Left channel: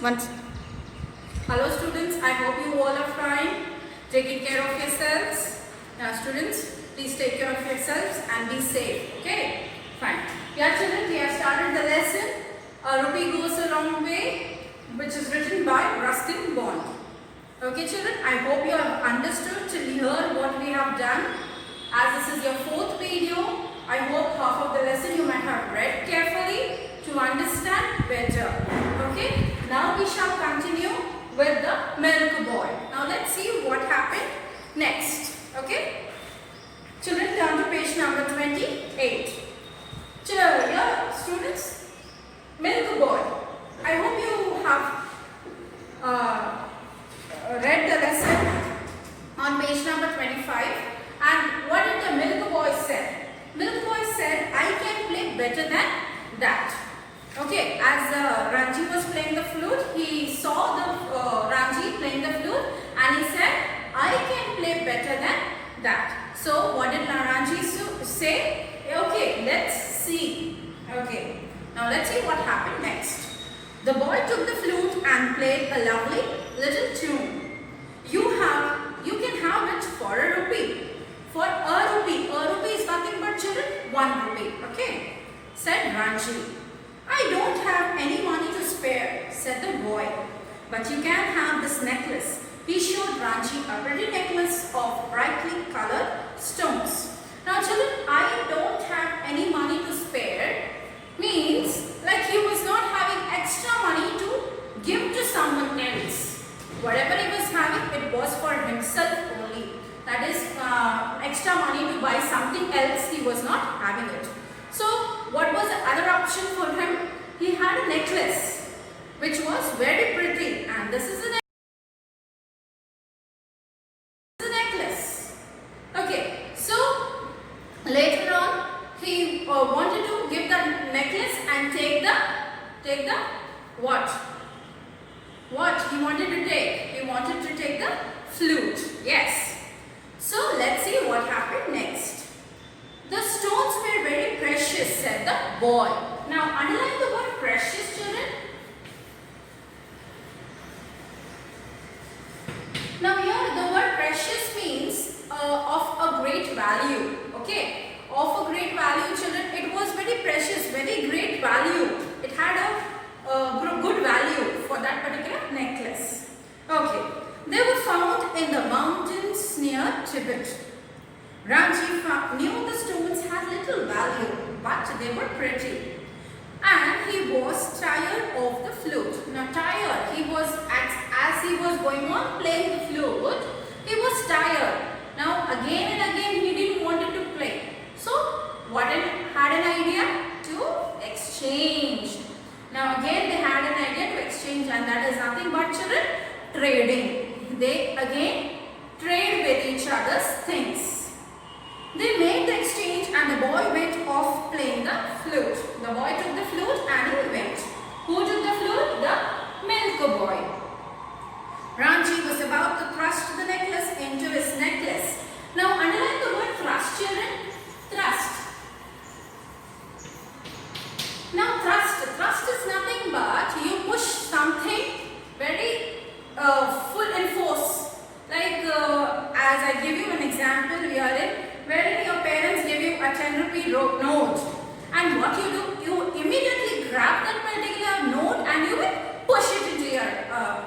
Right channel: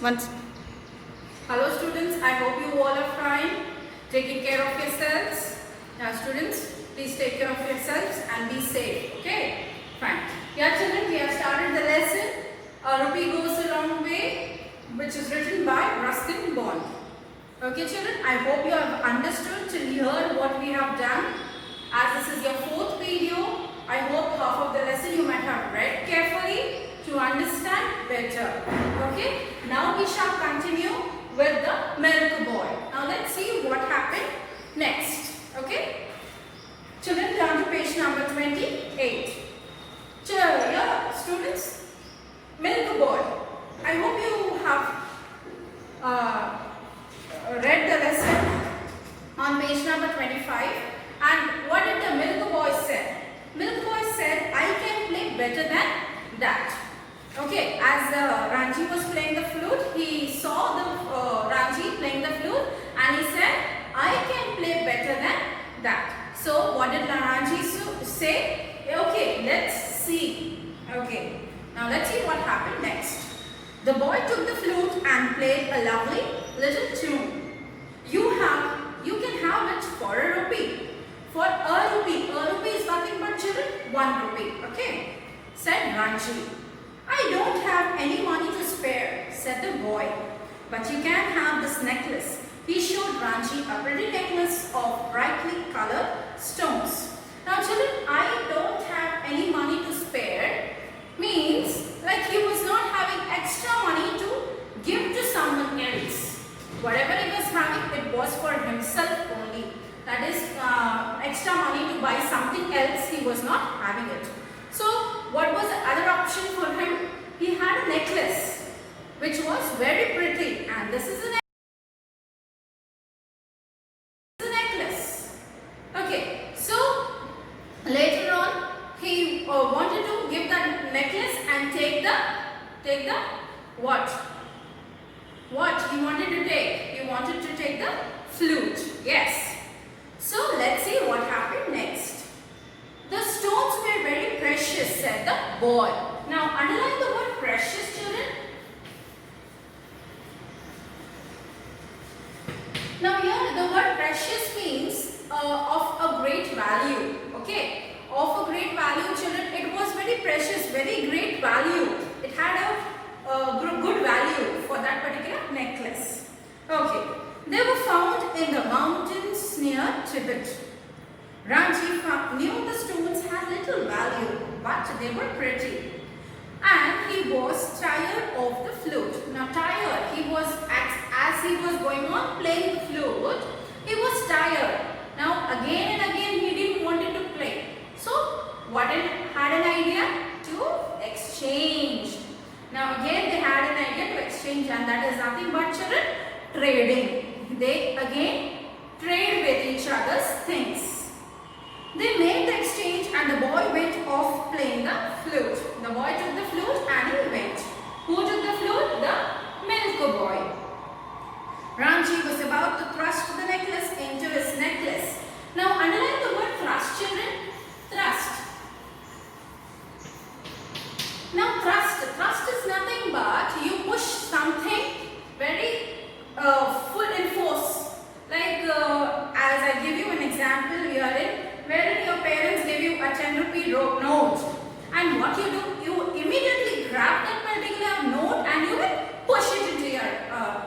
Once. Hello students, I hope you all are fine, taking care of yourselves. Now students, please take care of yourselves and be safe. Okay, fine. Yeah children, we have started the lesson. A rupee goes a long way, which is written by Ruskin Bond. Okay children, I hope you have understood till here what we have done. As this is your fourth video, I hope half of the lesson you might have read carefully to understand better. Okay, now we shall continue with the milk boy. Now let's see what happened next. Okay, children, turn to page number 28. Yeah, students, milk boy. I hope you have read the lesson on page number 25. And what did the milk boy say? Milk boy said, I can play better than that. Okay, as Ranji was playing the flute, he saw the Ranji playing the flute and he said, I can play better than that. So what did Ranji say? Okay, let's see. Okay, now let's see what happened next. The boy took the flute and played a lovely little tune. You can have it for a rupee. For a rupee is nothing but children, 1 rupee. Okay, said Ranji. I don't have any money to spare, said the boy. But you can have this necklace. He showed Ranji a pretty necklace of brightly colored stones. Now children, I don't have any money to spare means like he was not having extra money to give to someone else. Whatever he was having, it was for himself only. That is extra money to buy something else, he was not having it. So what was the other option for him? He had a necklace which was very pretty, and this is a necklace. Okay, so later on he wanted to give the necklace and take the what? What he wanted to take? He wanted to take the flute. Yes. So let's see what happened next. The stones were very precious, said the boy. Now underline the word precious, children. Now here the word precious means of a great value. Okay, of a great value, children. It was very precious, very great value. It had a good value for that particular necklace. Okay, they were found in the mountains near Tibet. Ranji knew the stones had little value, but they were pretty. And he was tired of the flute. Now tired, he was as he was going on playing the flute, he was tired. Now again and again he didn't want it to play. So what had an idea? To exchange. Now again they had an idea to exchange, and that is nothing but children, trading. They again trade with each other's things. They made the exchange and the boy went off playing the flute. The boy took the flute and he went. Who took the flute? The milk boy. Ranji was about to thrust the necklace into his necklace. Now underline the word thrust, children. Thrust. Now thrust is nothing but you push something very full in force. Like as I give you an example, wherein your parents give you a 10 rupee note, and what you do, you immediately grab that particular note and you will push it into your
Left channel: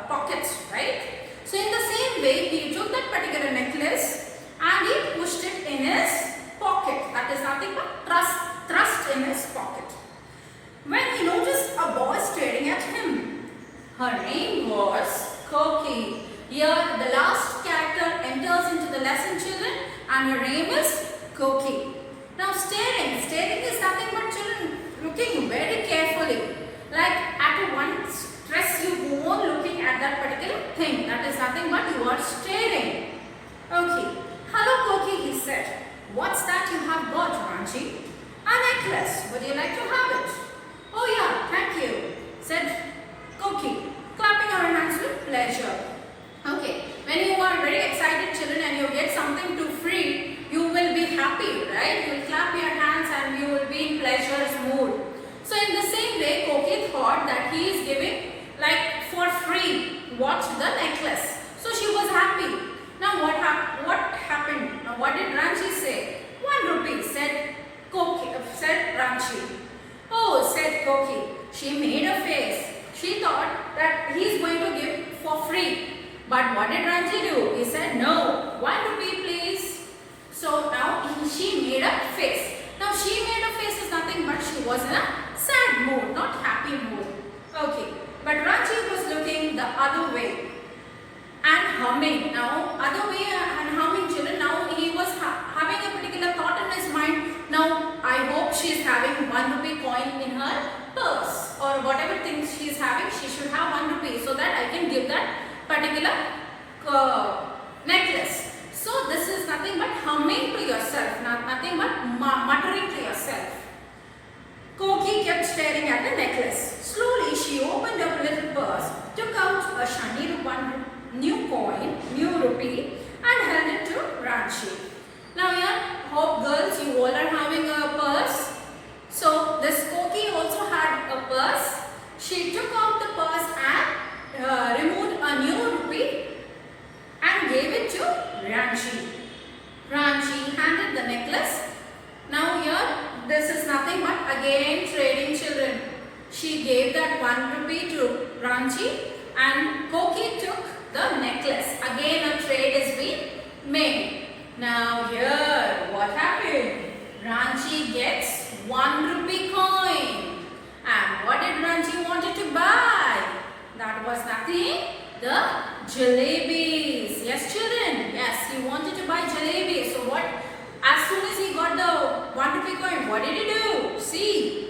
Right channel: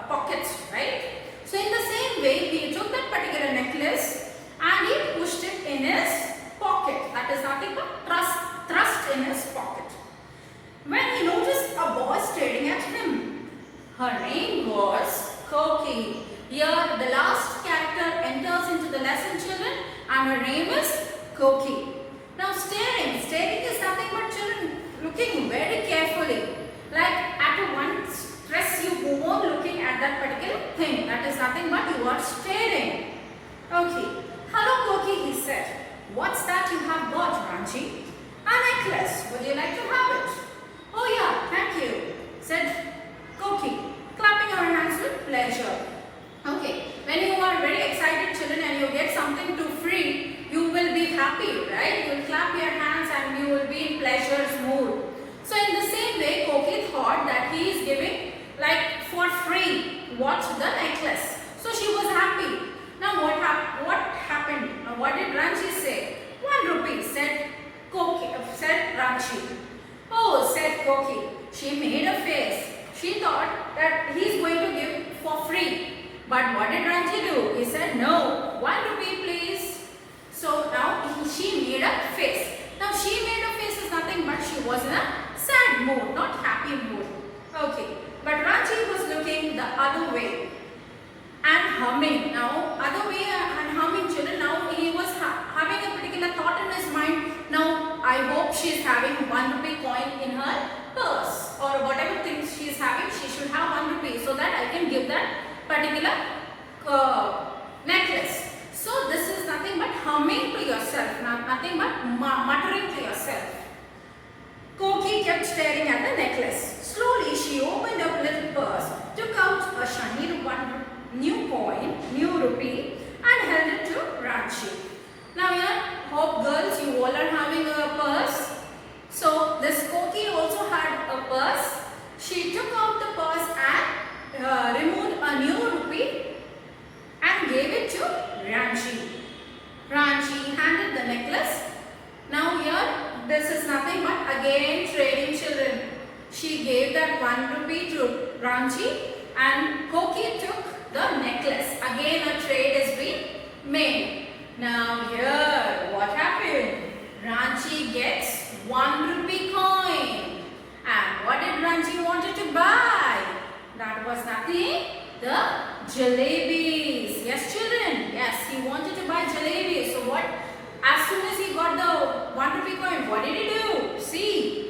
pockets, right? So in the same way, he took that particular necklace and he pushed it in his pocket. That is nothing but thrust in his pocket. When he noticed a boy staring at him, her name was Koki. Here the last character enters into the lesson, children, and her name is Koki. Now staring is nothing but children looking very carefully. Like at one stress you go on looking at that particular thing. That is nothing but you are staring. Okay. Hello Koki, he said. What's that you have got, Ranji? A necklace. Would you like to have it? Oh yeah, thank you, said Koki, clapping her hands with pleasure. Okay, when you are very excited, children, and you get something to free, you will be happy, right? You will clap your hands and you will be in pleasure's mood. So in the same way, Koki thought that he is giving, like for watched the necklace. So she was happy. Now what happened? Now what did Ranchi say? 1 rupee, said Ranchi. Oh, said Koki. She made a face. She thought that he's going to give for free. But what did Ranchi do? He said, no, 1 rupee please. So now she made a face. Now she made a face is nothing but she was in a sad mood, not happy mood. Okay. But Ranchi was looking the other way and humming. Now other way and humming, children. Now he was having a particular thought in his mind. Now I hope she is having 1 rupee coin in her purse or whatever things she is having. She should have 1 rupee so that I can give that particular necklace. So this is nothing but humming to yourself, nothing but muttering to yourself. Koki kept staring at the necklace. Slowly she opened her little purse, took out a shiny new rupee and held it to Ranchi. Now here, hope girls, you all are having a purse. So this Koki also had a purse. She took out the purse and removed a new rupee and gave it to Ranchi. Ranchi handed the necklace. Now here, this is nothing but again trading, children. She gave that 1 rupee to Ranchi and Koki took the necklace. Again a trade is being made. Now here, what happened? Ranchi gets 1 rupee coin. And what did Ranchi wanted to buy? That was nothing, the jalebis. Yes, children. Yes, he wanted to buy jalebis. So what? As soon as he got the 1 rupee coin, what did he do? See.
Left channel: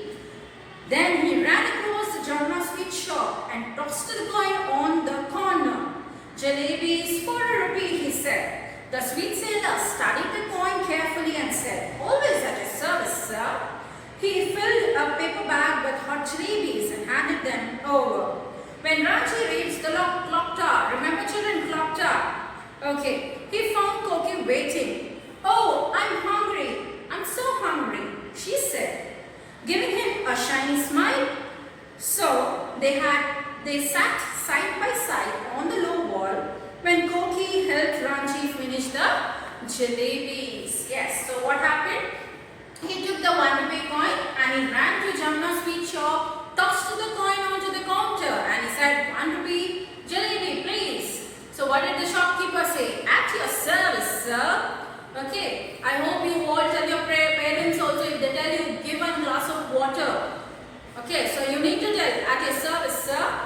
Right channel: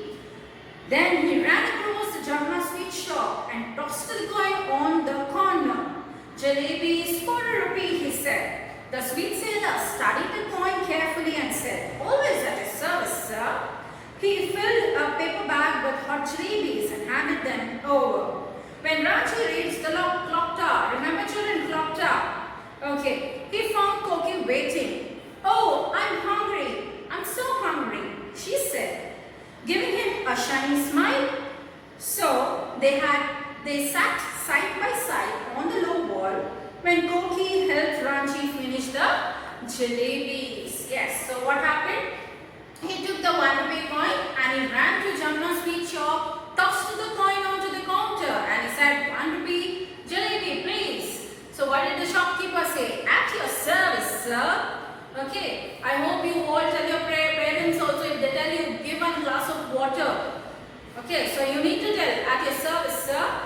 Then he ran across the Jamna sweet shop and tossed the coin on the corner. Jalebis for a rupee, he said. The sweet seller studied the coin carefully and said, always at his service, sir. He filled a paper bag with hot jalebis and handed them over. When Ranchi reached the clock tower, remember children, clock tower. Okay, he found Koki waiting. Oh, I'm hungry. I'm so hungry, she said, giving him a shiny smile. So they sat side by side on the low wall when Koki helped Ranchi finish the jalebis. Yes, so what happened? He took the 1 rupee coin and he ran to Jamna sweet shop, tossed the coin onto the counter and he said, 1 rupee jalebi please. So what did the shopkeeper say? At your service, sir. Okay, I hope you all tell your parents also, if they tell you, give 1 glass of water. Okay, so you need to tell, at your service, sir.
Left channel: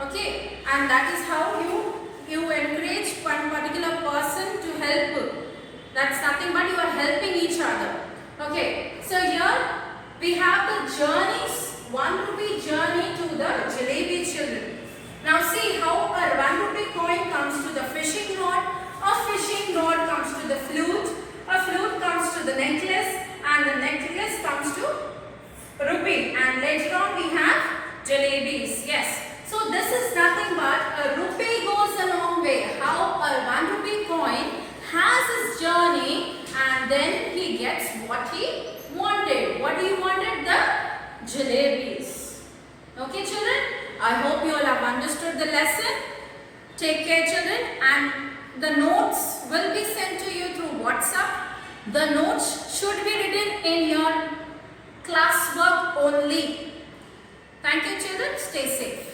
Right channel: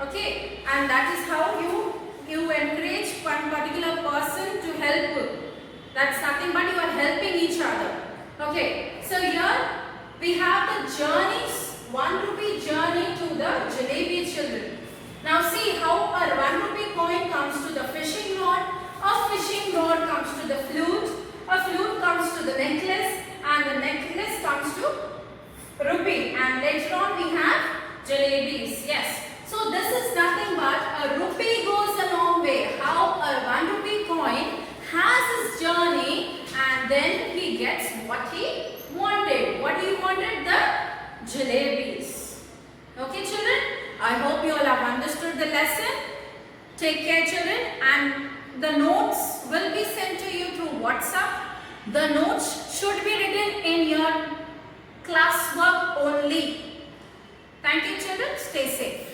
Okay, and that is how you encourage one particular person to help. That's nothing but you are helping each other. Okay, so here we have the journeys, 1 rupee journey to the jalebi, children. Now see how a 1 rupee coin comes to the fishing rod, a fishing rod comes to the flute, a flute comes to the necklace, and the necklace comes to rupee, and later on we have jalebis. Yes. So this is nothing but a rupee goes a long way. How a 1 rupee coin has his journey and then he gets what he wanted. What he wanted? The jalebis. Okay, children? I hope you all have understood the lesson. Take care, children, and the notes will be sent to you through WhatsApp. The notes should be written in your classwork only. Thank you, children. Stay safe.